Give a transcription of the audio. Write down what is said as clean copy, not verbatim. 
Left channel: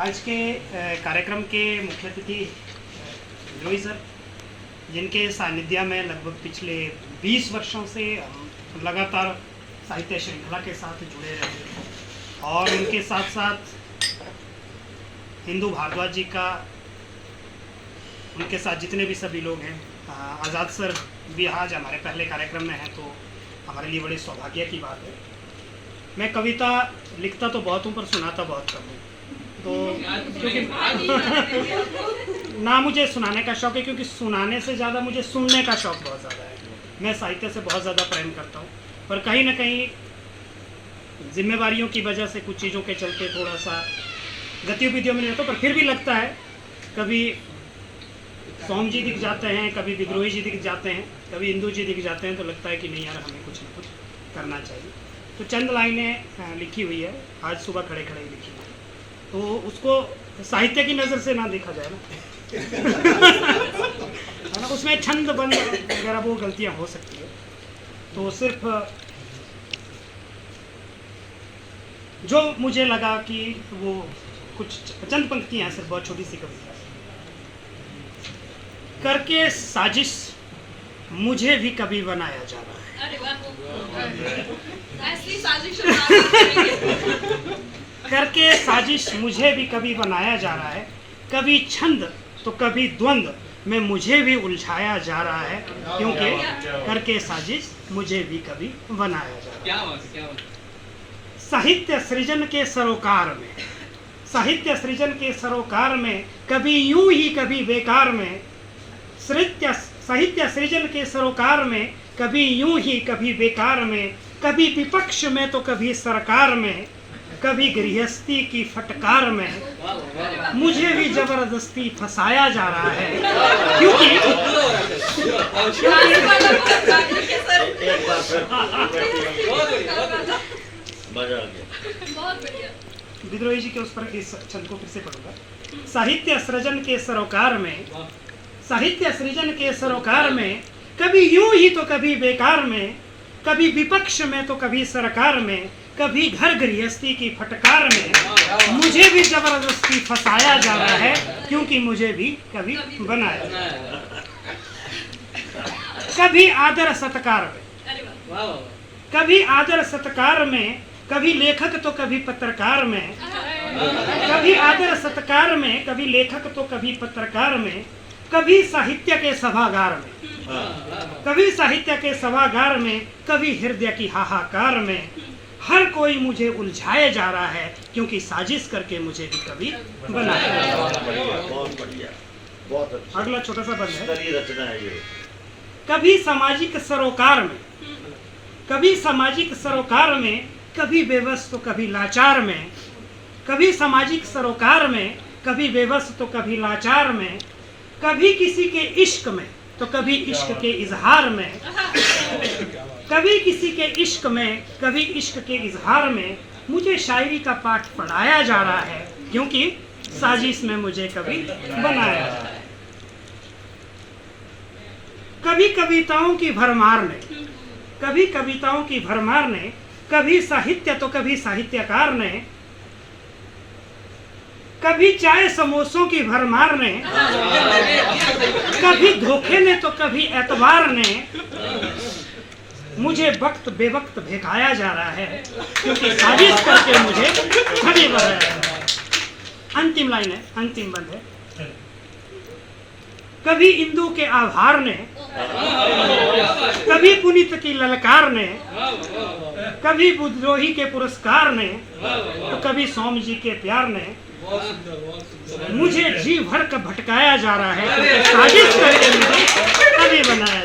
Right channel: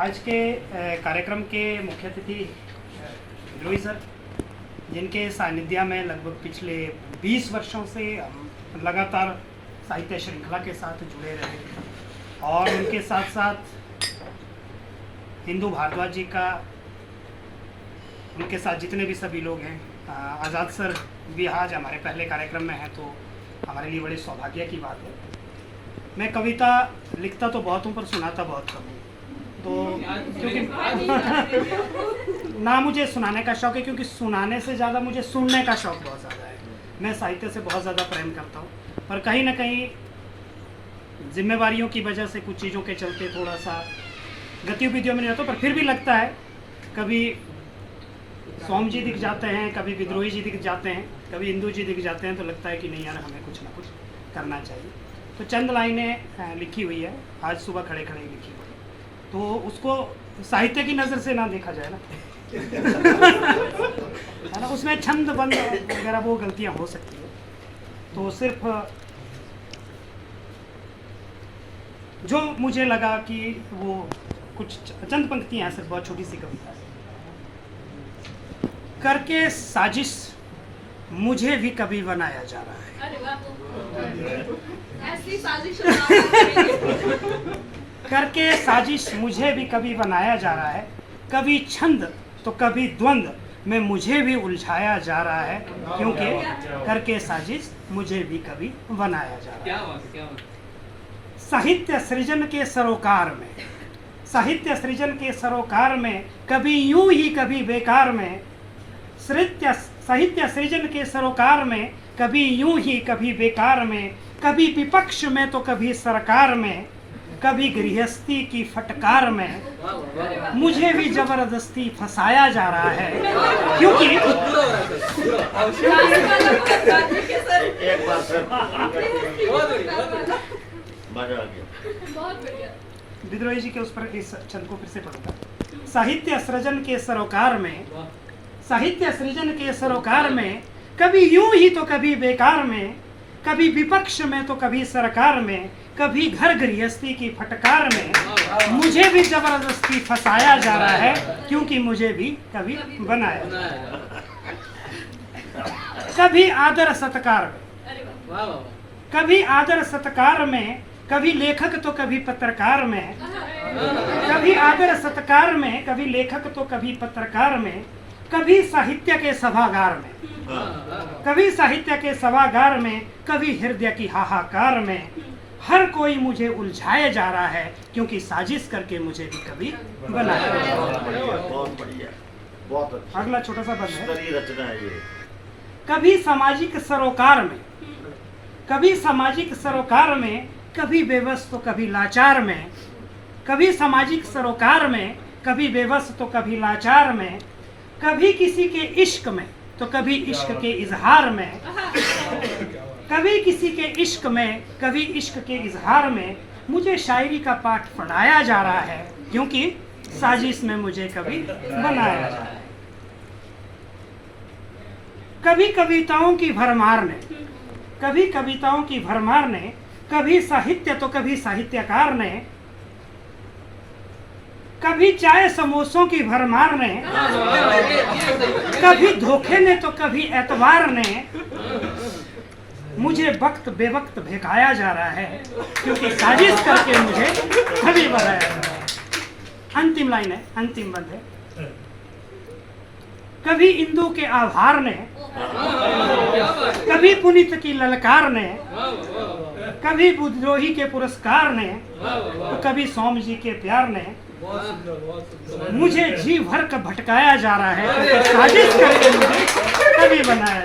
आज के कार्यक्रम के मुख्य अतिथि विद्रोही सर, जिनके सानिध्य में लगभग पिछले 20 वर्षों से हम लगातार साहित्य श्रृंखला के साथ जुड़े रहे और उनके साथ साथ हिंदू भारद्वाज जी का, उनके साथ जितने भी सभी लोग हैं, आज़ाद सर भी आज हमारे पहले कार्यक्रम में हैं, तो हमारे लिए बड़े सौभाग्य की बात है। मैं कविता लिखता तो बहुत हूँ पर सुनाता बहुत कम हूँ, तो क्योंकि ना मुझे सुनाने का शौक है, क्योंकि सुनाने से ज़्यादा मुझे सुनने का शौक बहुत ज़्यादा है। मैं साहित्य से बहुत ज़्यादा प्रेम करता हूँ, पर कहीं ना कहीं जिम्मेवारियों की वजह से कुछ चीज़ों के चलते थोड़ा सा गतिविधियों में नहीं रहता, पर फिर भी लगता है कभी सोम जी दिख जाते हैं, कभी विद्रोही जी दिख जाते हैं, कभी इंदू जी दिख जाते हैं, तो लगता है कि नहीं यार, हमें कुछ ना कुछ करना चाहिए। तो चंद लाइनें लिखी हुई है, आज सुबह खड़े खड़े लिखी हुई है, तो उसको साहित्य की नज़र से ना देखा जाए ना है ना, उसमें छंद बंद वगैरह वो गलतियाँ हो सकती है। तो सिर्फ जो मुझे लगा कि वो कुछ चंद पंक्तियाँ हैं, सिर्फ बहुत छोटी सी कविता है। करके साजिश मुझे भी कभी बनाया जा रहा है। अरे वाह, ऐसी साजिश करके साजिश मुझे भी कभी बनाया जा रहा है, कभी छंद तो कभी द्वंद्व में मुझे भी उलझाया जा रहा है, क्योंकि करके साजिश मुझे भी कभी बनाया जा रहा है। साहित्य सृजन के सरोकार में, साहित्य सृजन के सरोकार में, कभी यूं ही कभी बेकार में, साहित्य सृजन के सरोकार में, कभी यूं ही कभी बेकार में, कभी विपक्ष में तो कभी सरकार में, कभी गृहस्थी की फटकार में मुझे भी जबरदस्ती फंसाया जा रहा है, क्योंकि विद्रोही जी के उस पर इस छंद को फिर से पढ़ूंगा। साहित्य सृजन के सरोकार में, साहित्य सृजन के सरोकार में, कभी यूं ही तो कभी बेकार में, कभी विपक्ष में तो कभी सरकार में, कभी घर गृहस्थी की फटकार में मुझे भी जबरदस्ती फंसाया जा रहा है, क्योंकि मुझे भी कभी बनाया। कभी आदर सत्कार में, कभी आदर सत्कार में, कभी लेखक तो कभी पत्रकार में, कभी आदर सत्कार में, कभी लेखक तो कभी पत्रकार में, कभी साहित्य के सभागार में, कभी साहित्य के सभागार में, कभी हृदय की हाहाकार में, हर कोई मुझे उलझाया जा रहा है, क्योंकि साजिश करके मुझे भी कभी बनाया। बहुत बढ़िया, बहुत अच्छा। अगला छोटा सा बंद है। रचना है ये। कभी सामाजिक सरोकार में, कभी सामाजिक सरोकार में, कभी बेबस तो कभी लाचार में, कभी सामाजिक सरोकार में, कभी बेबस तो कभी लाचार में, कभी किसी के इश्क में तो कभी इश्क के इजहार में, कभी किसी के इश्क में, कभी इश्क के इजहार में मुझे शायरी का पाठ पढ़ाया जा रहा है, क्योंकि साजिश में मुझे कभी बनाया जा रहा है। कभी कविताओं की भरमार ने, कभी कविताओं की भरमार ने, कभी साहित्य तो कभी साहित्यकार ने, कभी चाय समोसों की भरमार ने, कभी धोखे ने तो कभी एतबार ने मुझे वक्त बेवक्त भेकाया जा रहा है, क्योंकि साजिश करके मुझे कभी बनाया जा रहा है। अंतिम लाइन है, अंतिम बंद है। कभी इंदू के आभार ने, कभी पुनीत की ललकार ने, कभी विद्रोही के पुरस्कार ने, तो कभी सोम जी के प्यार ने मुझे जी भर कर भटकाया जा रहा है, क्योंकि साजिश करके मुझे कभी बनाया